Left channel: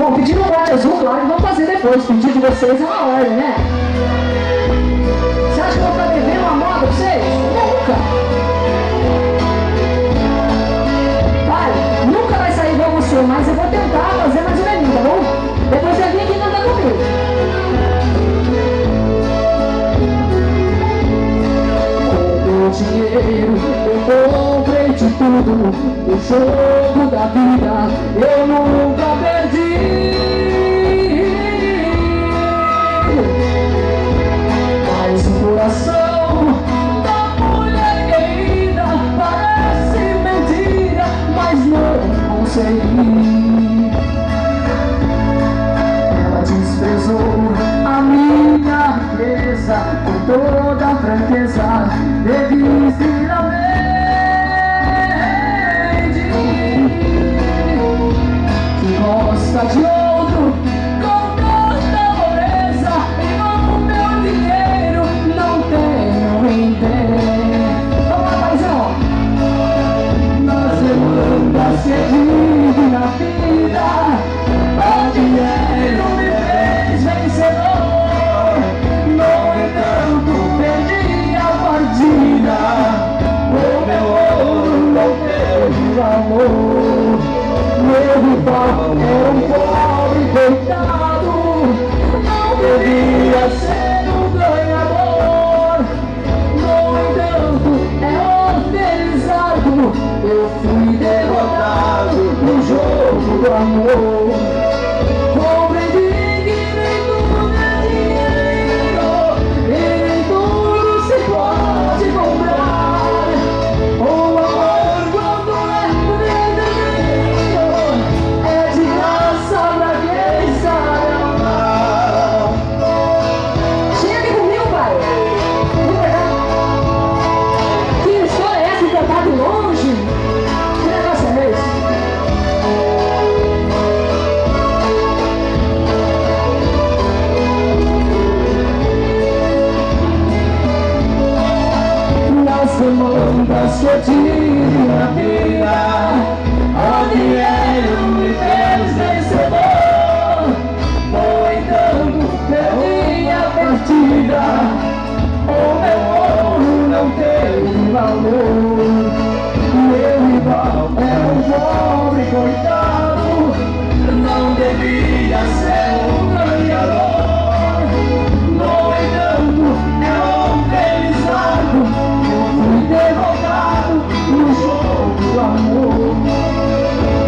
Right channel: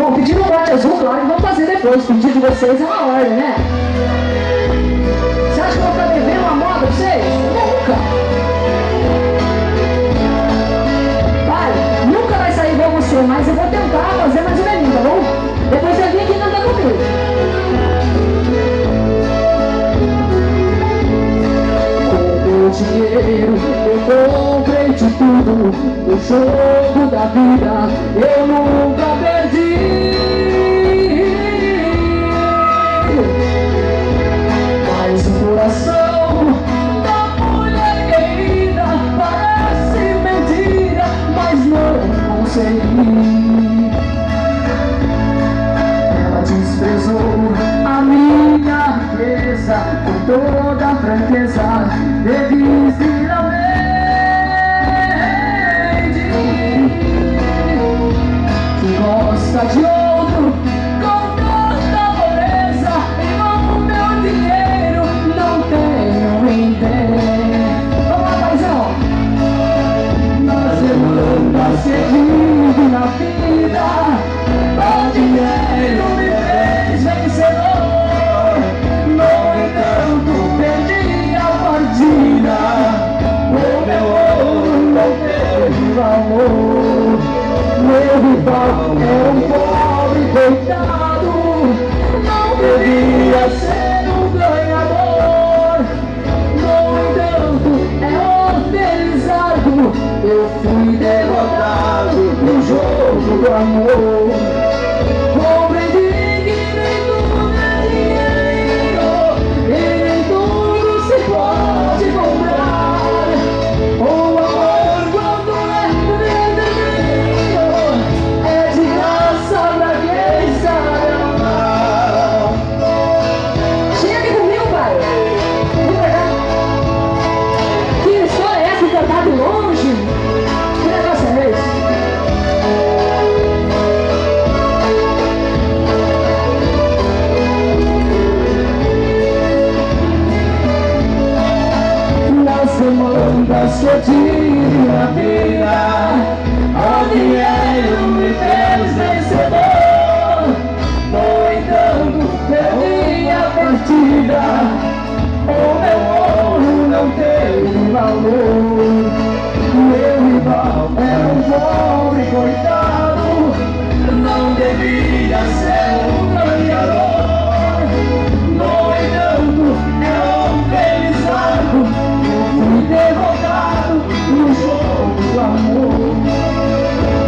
Bom, pedindo um bote azul, claro que vamos fazer depois. O pedido de vocês é uma ordem, né? Você acha que eu vou ficar devendo uma moda pra vocês? Nunca! Pai, nunca vai sair igual você, mas eu vou tentar fazer mais um velhinho, tá bom? Depois você vem aqui e canta comigo. Com meu dinheiro eu comprei de tudo. No jogo da vida eu nunca perdi. Mas o coração da mulher querida parece mentira, mas não consegui. Ela desprezou a minha riqueza com toda a franqueza, visivelmente. Que gosta de outro com tanta pobreza, e com o meu dinheiro não tenho em pé. Vamos lá, paizão! Nas demandas que vive na vida, o dinheiro me fez vencedor. No entanto, perdi a partida. O meu ouro não teve valor. Meu rival é um pobre coitado, não devia ser um ganhador. No entanto, é oferizado, eu fui derrotado no jogo do amor. Compreendi que nem tudo é dinheiro, e nem tudo se pode comprar. O amor, quando é verdadeiro, é de graça pra quem sabe amar. Chega aqui comigo, pai. Vem pra cá. Que história é essa de cantar de longe? Que negócio é esse? Nas demandas que eu tive na vida, o dinheiro me fez vencedor. No entanto, perdi a partida. O meu ouro não teve valor. Meu rival é um pobre coitado, não devia ser um ganhador. No entanto, é oferizado, eu fui derrotado no jogo do amor.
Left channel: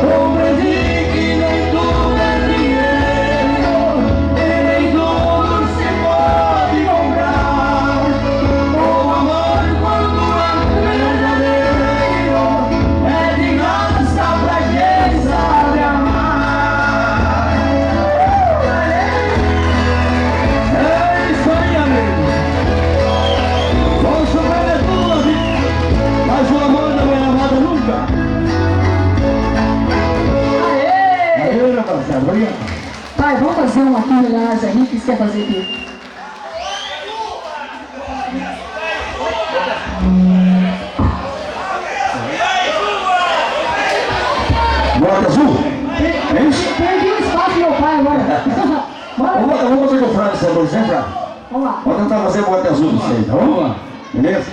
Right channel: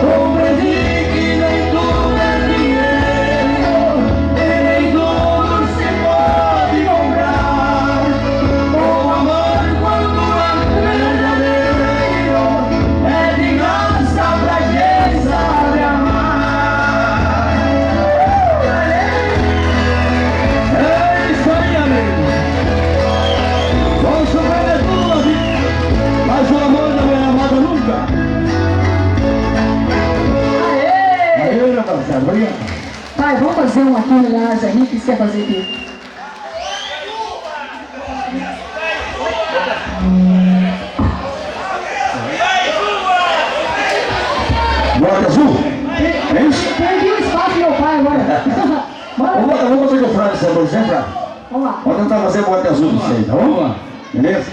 Compreendi que nem tudo é dinheiro, e nem tudo se pode comprar. O amor, quando é verdadeiro, é de graça pra quem sabe amar. É isso aí, amigo. Vamos superar tudo, vida, mas o amor não é amado nunca. Aê! Aê, rapaziada, obrigado. Pai, vamos fazer um aqui, Lars aí, o que você quer fazer aqui? Bota azul? É isso? Perdi o espaço do meu pai agora. Bora. Vamos fazer com o Frank, por exemplo. Vamos lá. Vamos tentar fazer bota azul pra vocês, tá bom? Beleza?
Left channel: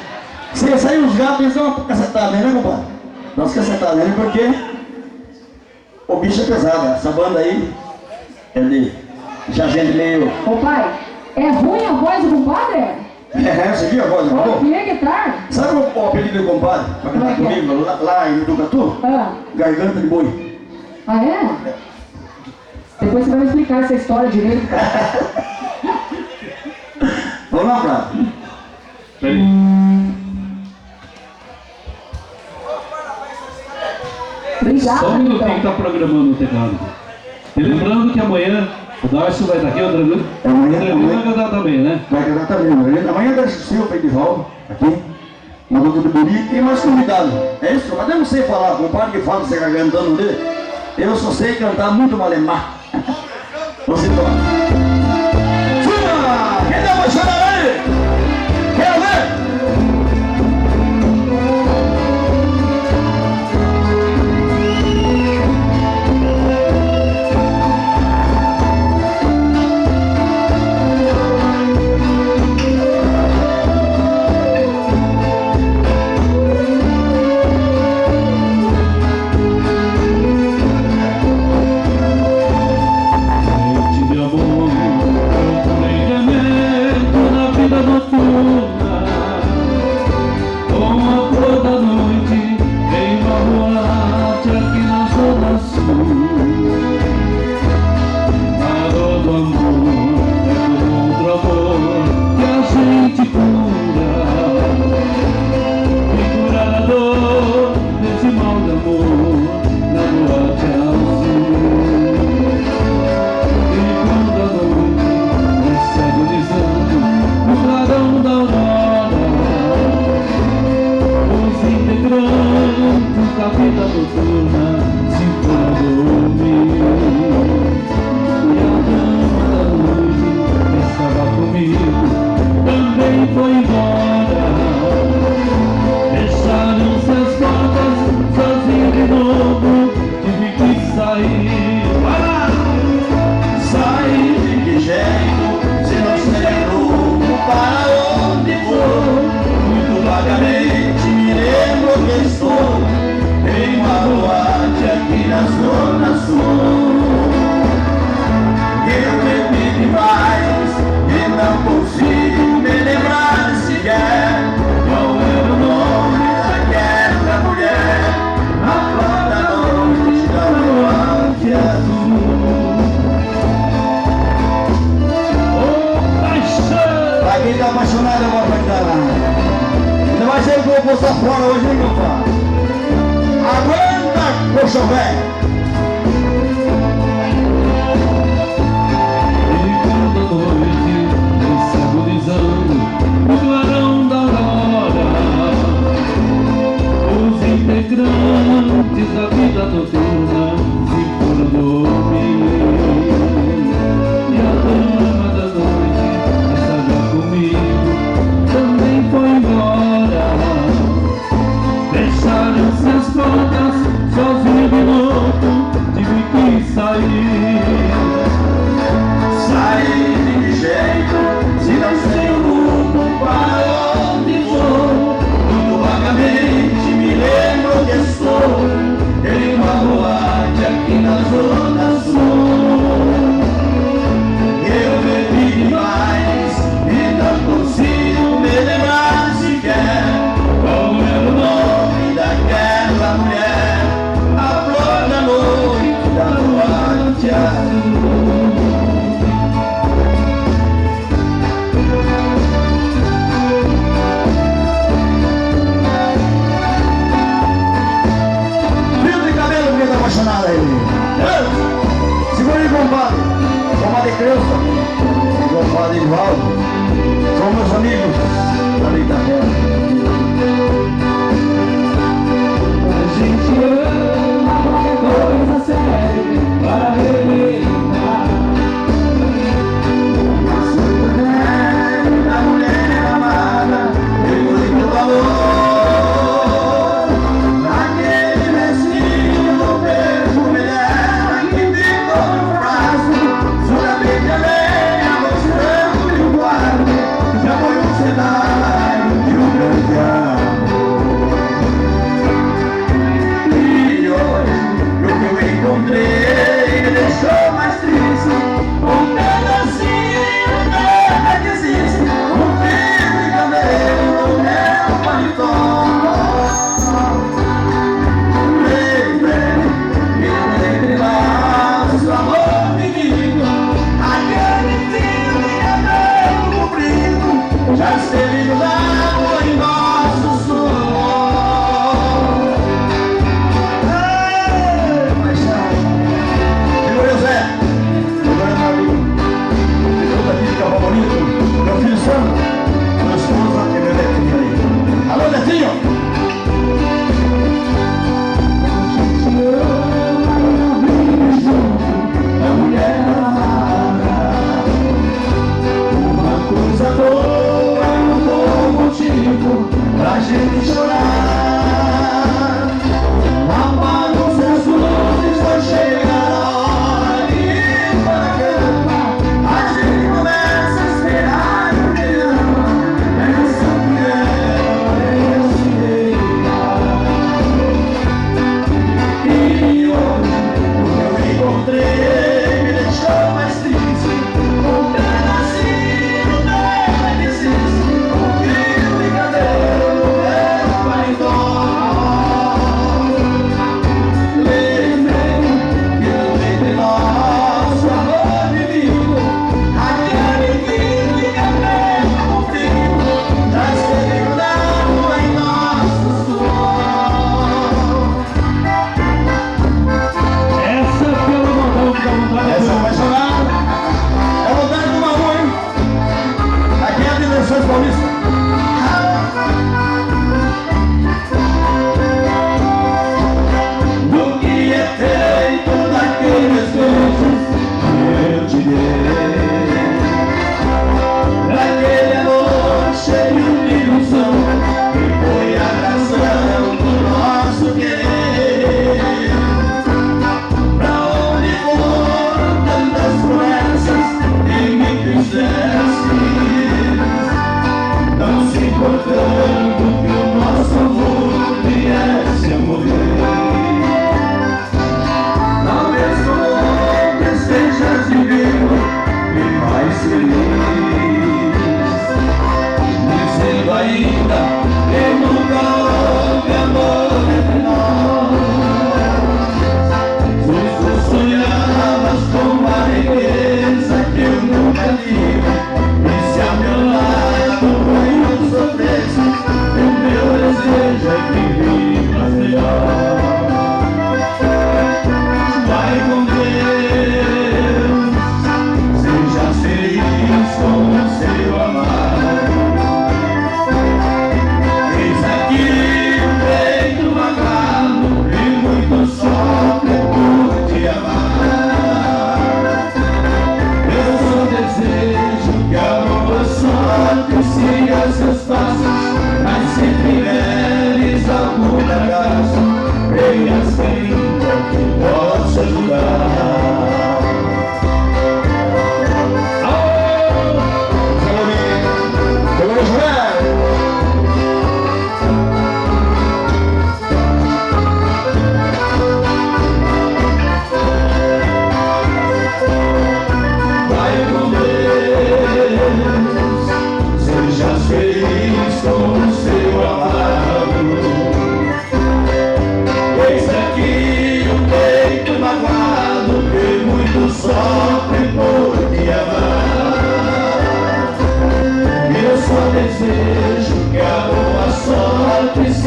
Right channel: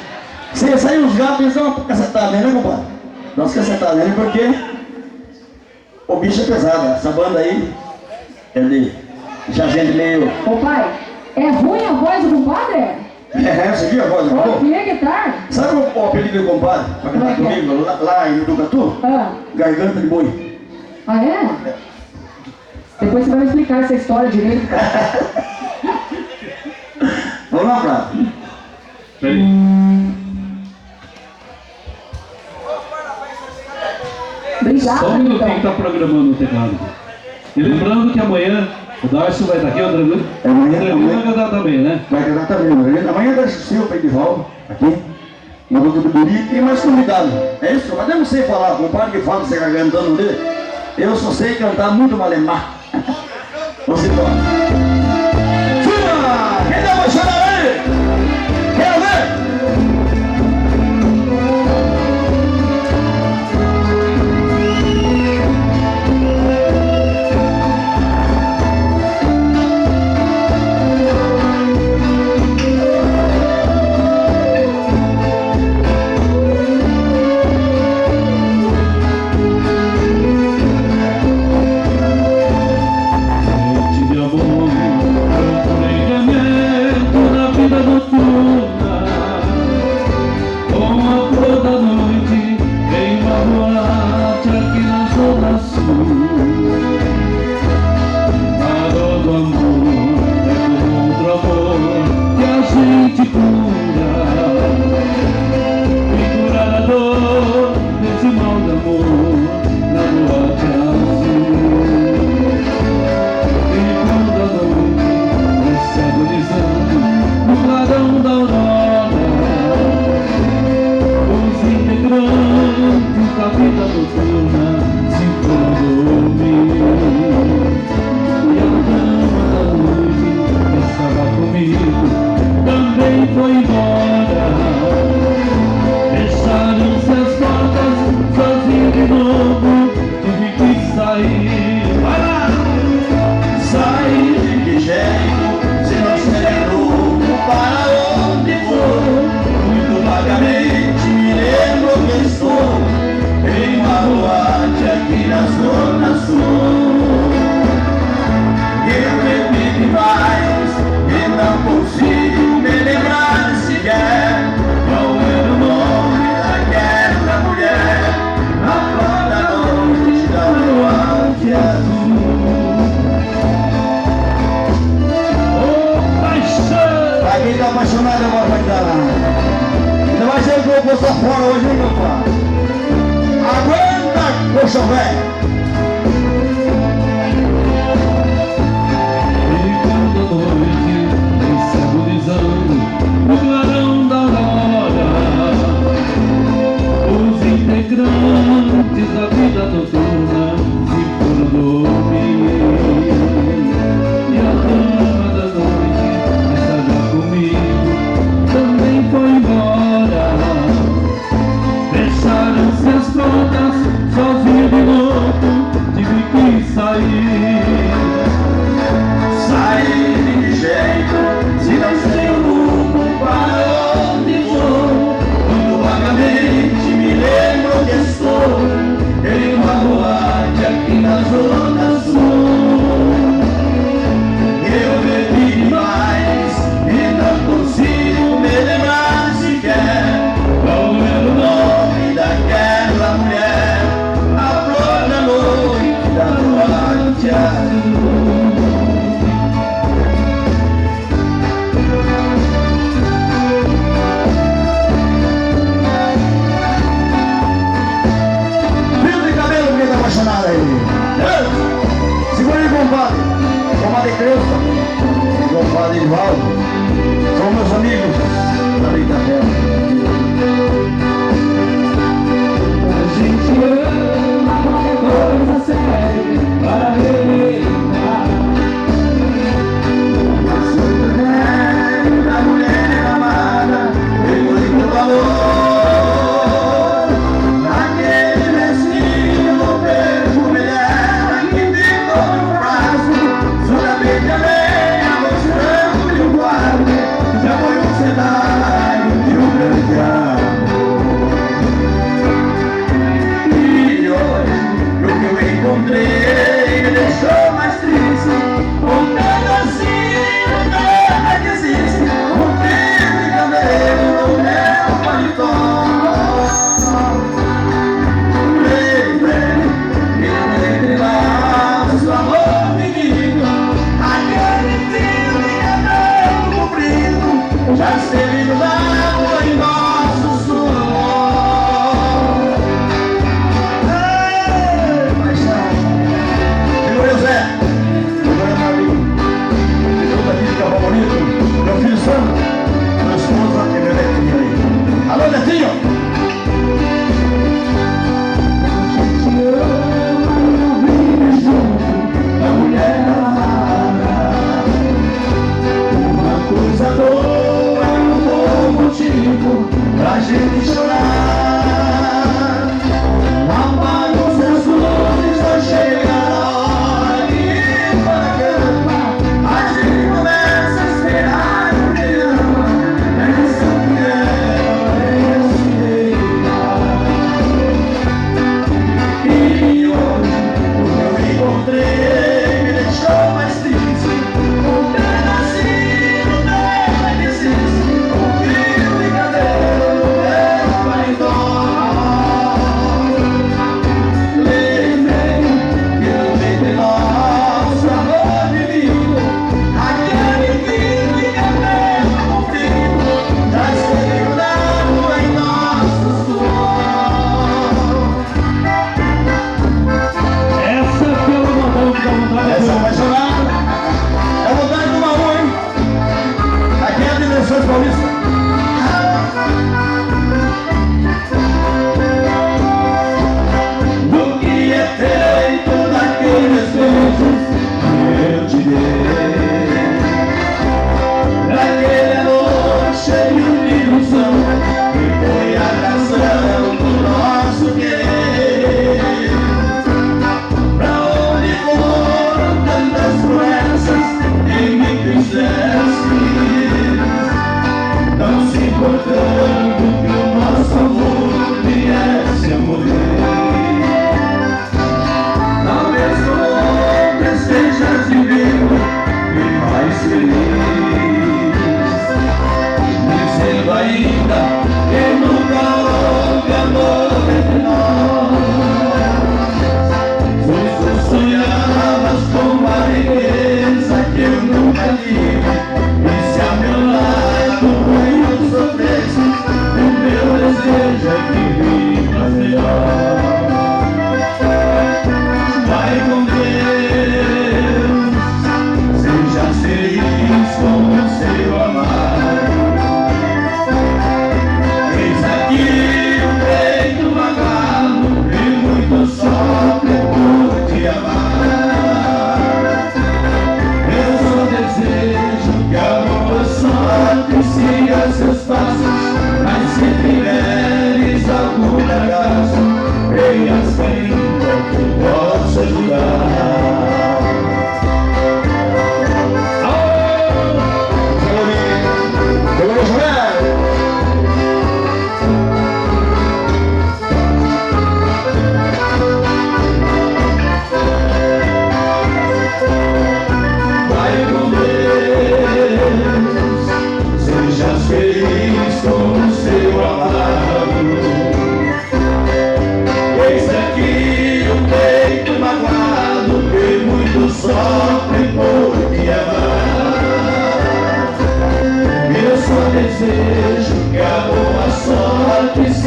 Se sair os gatos, eles dão uma cacetada nele, né, compadre? Dá umas cacetadas nele porque o bicho é pesado. Essa banda aí, ele já gente meio... Ô pai, é ruim a voz do compadre? Você viu a voz do Ô, compadre? que é que tá? Sabe o apelido do compadre? Pra cantar Como é que é? comigo, lá em Ducatu? Ah, Garganta de boi. ah é? Depois você vai me explicar essa história direito, cara. Vamos lá, Prado. Obrigado, Só um minutinho que então. está programando o teclado. E lembrando que amanhã o Darcio vai estar aqui, o Adriano vai cantar também, né? Vai cantar também, né? Amanhã deixa o seu Edivaldo aqui, na Duca do Buri, e mais convidado. É isso? Mas eu não sei falar, compadre que fala, você está cantando dele. Eu só sei cantar muito malemar. Vamos embora. Fuma! Quem dá uma chorada aí? Quero ver? vida noturna se foram dormir. E a dama da noite que estava comigo também foi embora. Fecharam-se as portas, sozinho de novo, tive que sair. Vai lá! Sair de que jeito, se não sei rumo para onde vou? Muito vagamente me lembro que estou em uma boate aqui na Zona Sul. Eu bebi demais e não consigo me lembrar sequer qual era o nome daquela mulher, a flor da noite da boate azul. Quem tá apaixonado agora vai dar lá. Ainda vai ser que eu vou postar fora hoje, hein, meu pai? Aguenta, coxa velho! Ligando a noite, vem se agonizando no clarão da aurora. Os integrantes da vida noturna se foram dormir. E a dama da noite comigo também foi embora. Fecharam-se as portas, sozinho de novo, tive que sair. Sair de que jeito, se não sei o rumo para onde vou? Muito vagamente me lembro que estou em uma boate aqui na Zona Sul. Eu bebi demais e não consigo me lembrar sequer qual era o nome daquela mulher, a flor da noite da boate azul. Fio de cabelo que tá apaixonado aí. Segura aí, compadre. Compadre Creuza, compadre Edvaldo, são meus amigos da Itapema. A gente ama qualquer coisa séria para relembrar. Mas o velho da mulher amada tem muito valor. Naquele vestinho do perfume dela que ficou no braço, solamente a lenha mostrando-lhe o guarda. Já foi um cenário de um grande amor.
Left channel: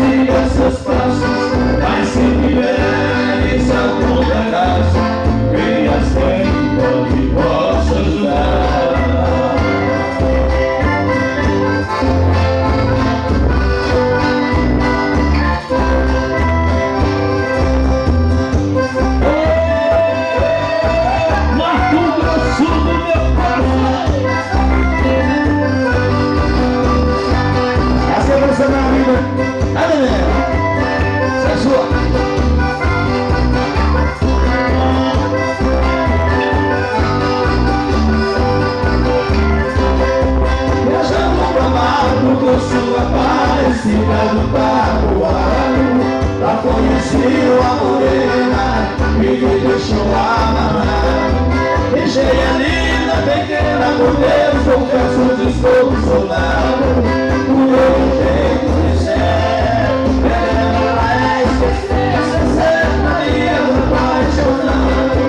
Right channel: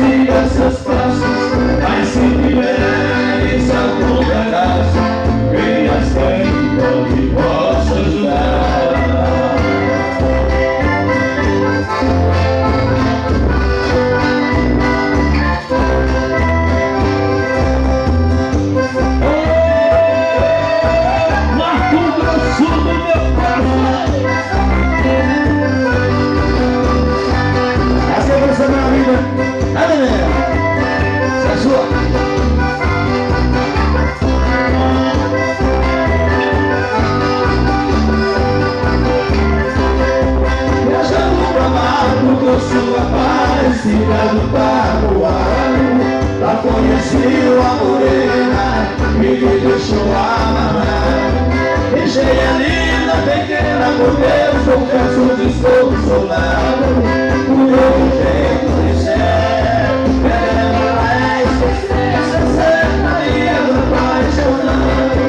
siga seus passos, mas se tiveres algum fracasso, venha sempre que possa ajudar. Essa é a minha vida. Nada mesmo. Essa é sua. Viajando pra mato com sua parecida do tabuado, lá conheci uma morena que me deixou amarrar. Deixei a linda pequena por Deus, confesso desconsolado, o meu jeito de ser, ela esquecer, essa Maria do apaixonado.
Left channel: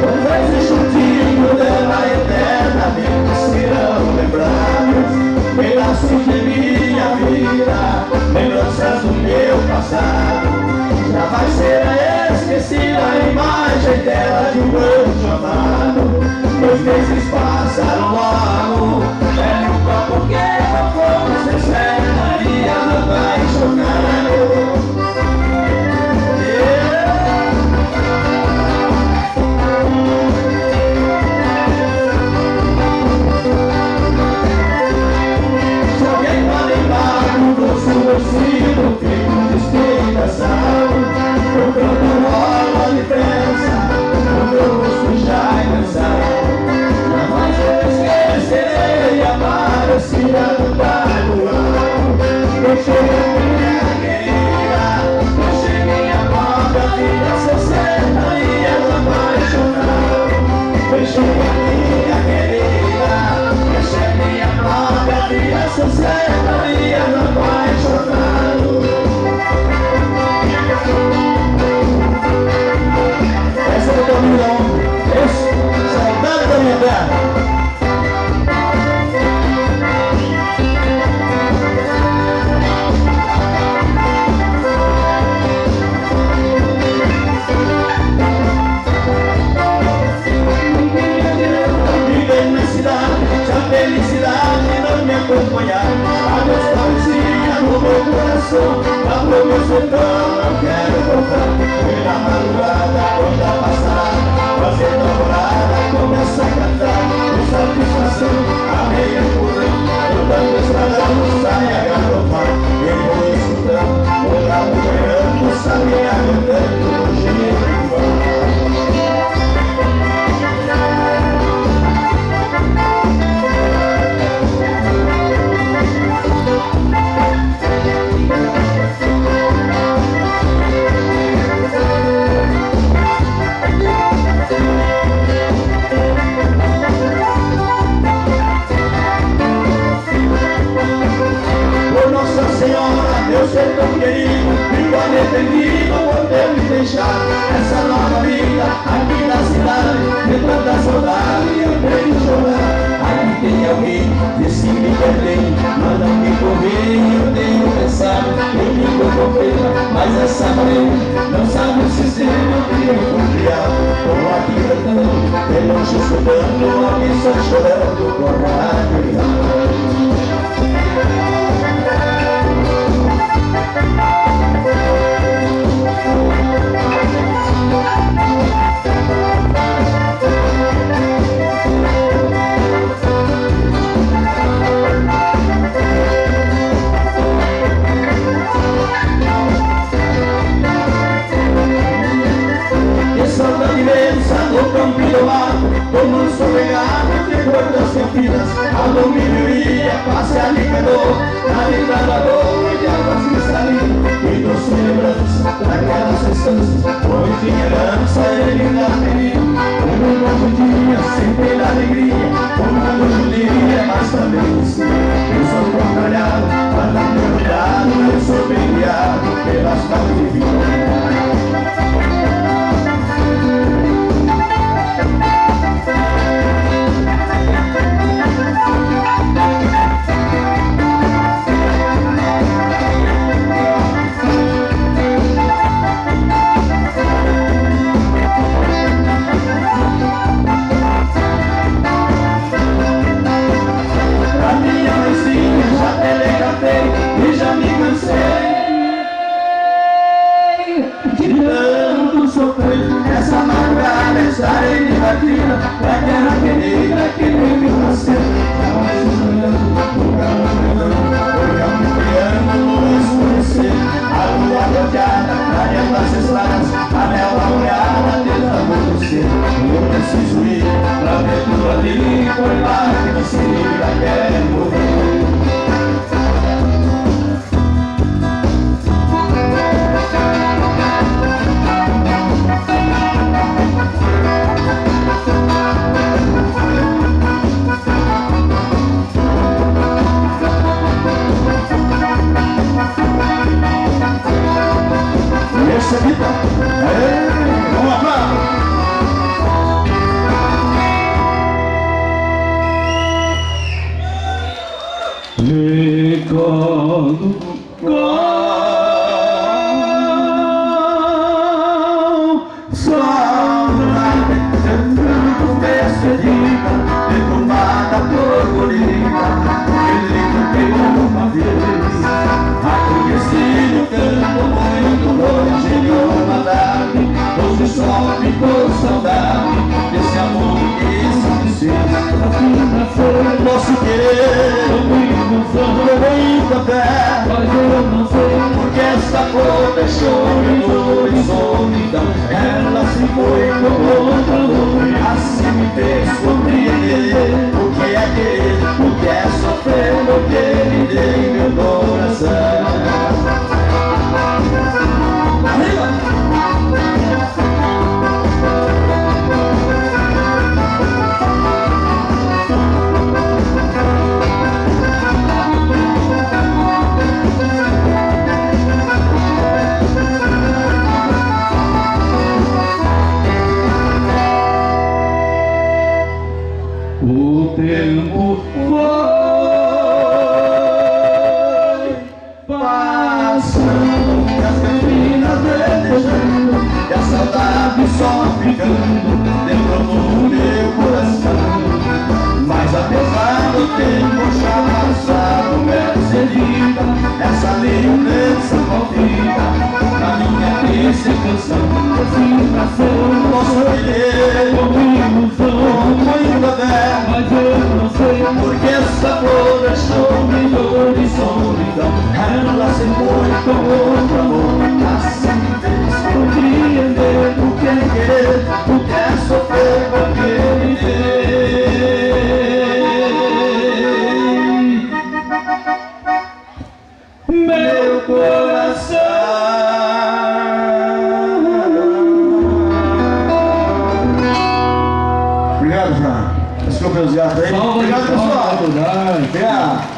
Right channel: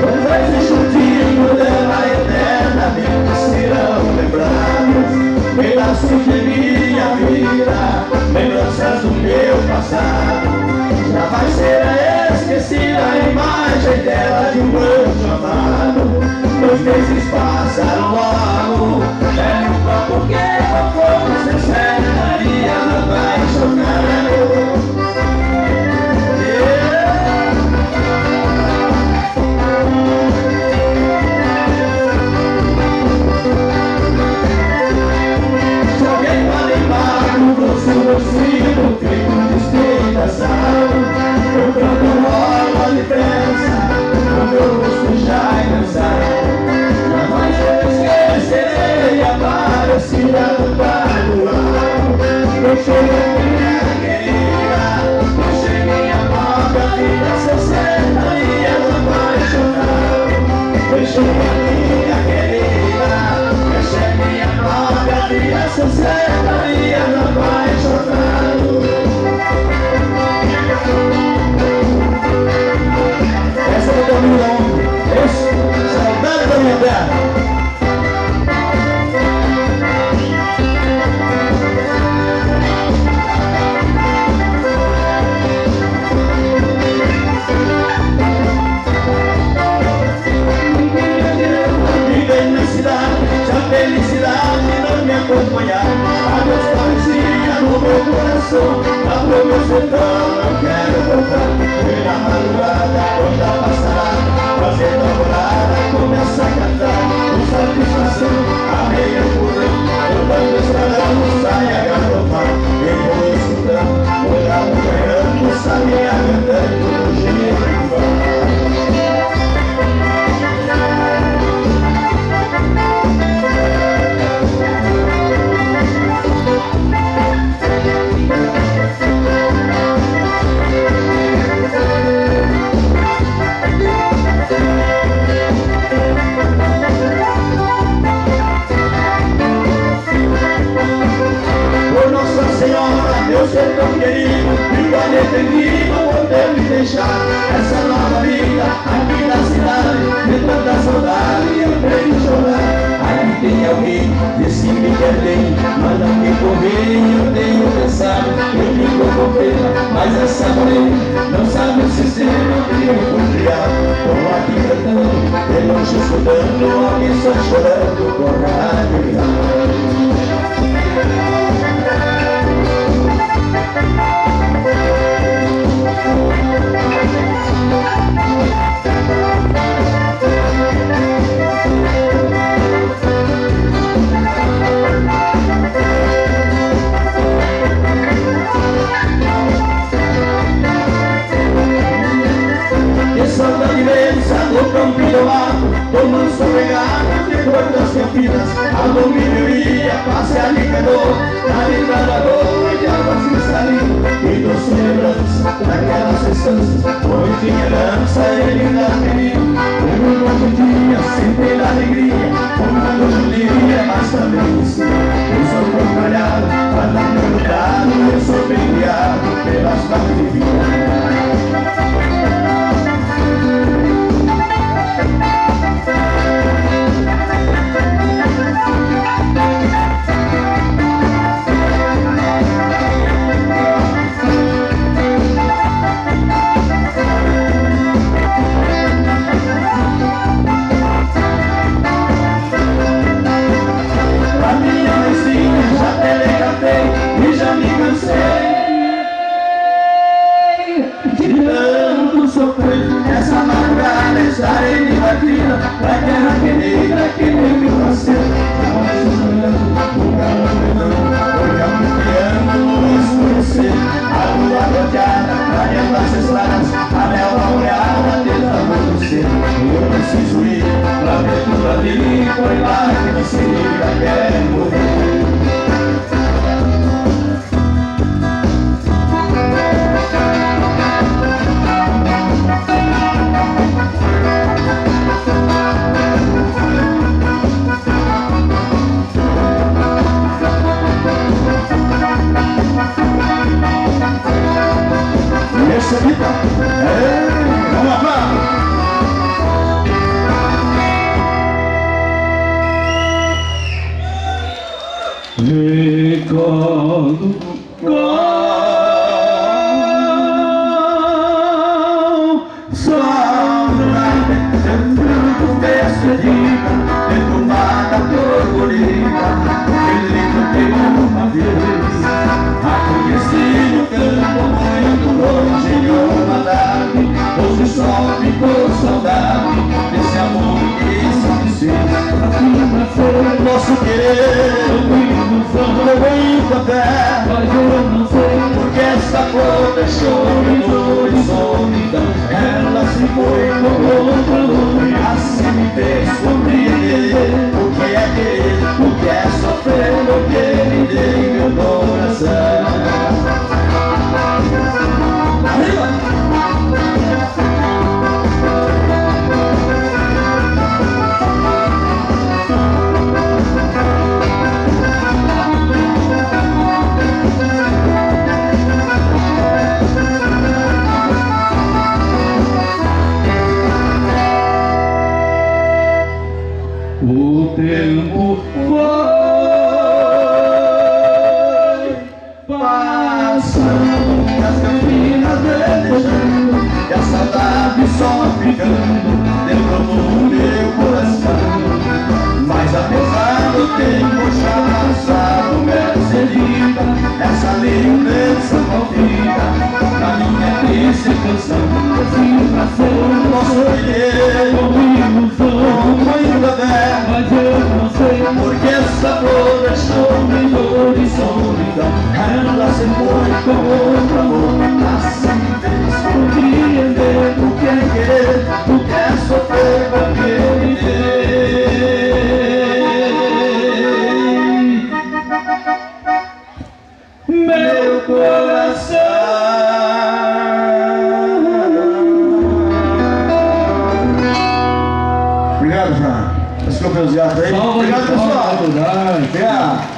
Quando existe um dia dela eternamente serão lembrados pedaços de minha vida, lembranças do meu passado. Já vai ser esquecida a imagem dela de um anjo amado. 2 meses passaram logo, é um copo que como se sentaria apaixonado. Se alguém vai lembrar do doce vestido feito de explicação, eu canto rola a diferença no meu rosto já é cansado. Jamais eu esquecerei a parecida do tabuado. Eu cheguei minha querida, eu cheguei minha própria filha, 60 dias apaixonado. Eu cheguei minha querida, eu cheguei minha própria filha, 60 dias apaixonado. Essa é do caminho da onde? Esse? Saudade da minha terra. Viver na cidade, se a felicidade não me acompanhar, a Deus parecia no meu coração, lá pro meu sertão não quero voltar. Pela madrugada, quando a passada, fazendo a morada, começa a cantar, com satisfação, a meia porão, rodando estradando, sai a galopar. Eu vou escutando, vou lá ganhando, sabia cantando, do jeito igual. Por Nossa Senhora, meu ser tão querido, vivo arrependido por ter me deixado essa nova vida aqui na cidade, de tanta saudade eu tenho chorar. Aqui tem alguém, disse que me quer bem, mas não me convém, eu tenho pensado, eu fico com pena, mas essa morena não sabe o sistema que eu fui criado. Tô aqui cantando, de longe escutando, alguém só chorando por rádio e rádio. Que saudade imensa do campo e do mato, do manso regado de cordas campinas. Alô, milho ia passear de canoa na linda lagoa de águas cristalinas. Que doce lembrança daquelas estâncias, foi minha herança e linda menina. Eu irmão judia sem ter alegria, comando judia, mas também sim. Eu sou concalhado, mas não perguntado, eu sou bem guiado pelas mãos divinas. que nem meu nascer. Não é sonhando, o calor brilhando, olhando, criando, o escurecer. A lua rodeada, clareando as estradas, a neva molhada desde o amanhecer. E eu preciso ir pra ver tudo ali, foi lá que me siga, quero morrer. Recebida. Vamos lá. Recado saudade, sendo despedida, perfumada por colheita, que lindo uma vez. A conheci no campo muito longe de uma tarde, hoje só ficou saudade desse amor que se desfez. assim nasceu Nosso querer, como ilusão, com muita fé, mas eu não sei porque essa cor deixou-me dor e solidão. Ela se foi com outro amor, assim me fez compreender o que é querer, o que é sofrer, porque lhe dei meu coração. Arriba! o tempo foi passando, e as campinas velejando, e a saudade só ficando dentro do meu coração. Mas apesar do tempo já passado, Mercedita, essa lembrança maldita na minha triste canção. assim nasceu Nosso querer, como ilusão, com muita fé, mas eu não sei porque essa flor deixou-me dor e solidão. Ela se foi com outro amor, assim me fez compreender o que é querer, o que é sofrer, porque me dei meu coração. Obrigado, Fran. Desculpa os gatos aí. salva de Obrigado, palmas, pessoal. verdade. Obrigado.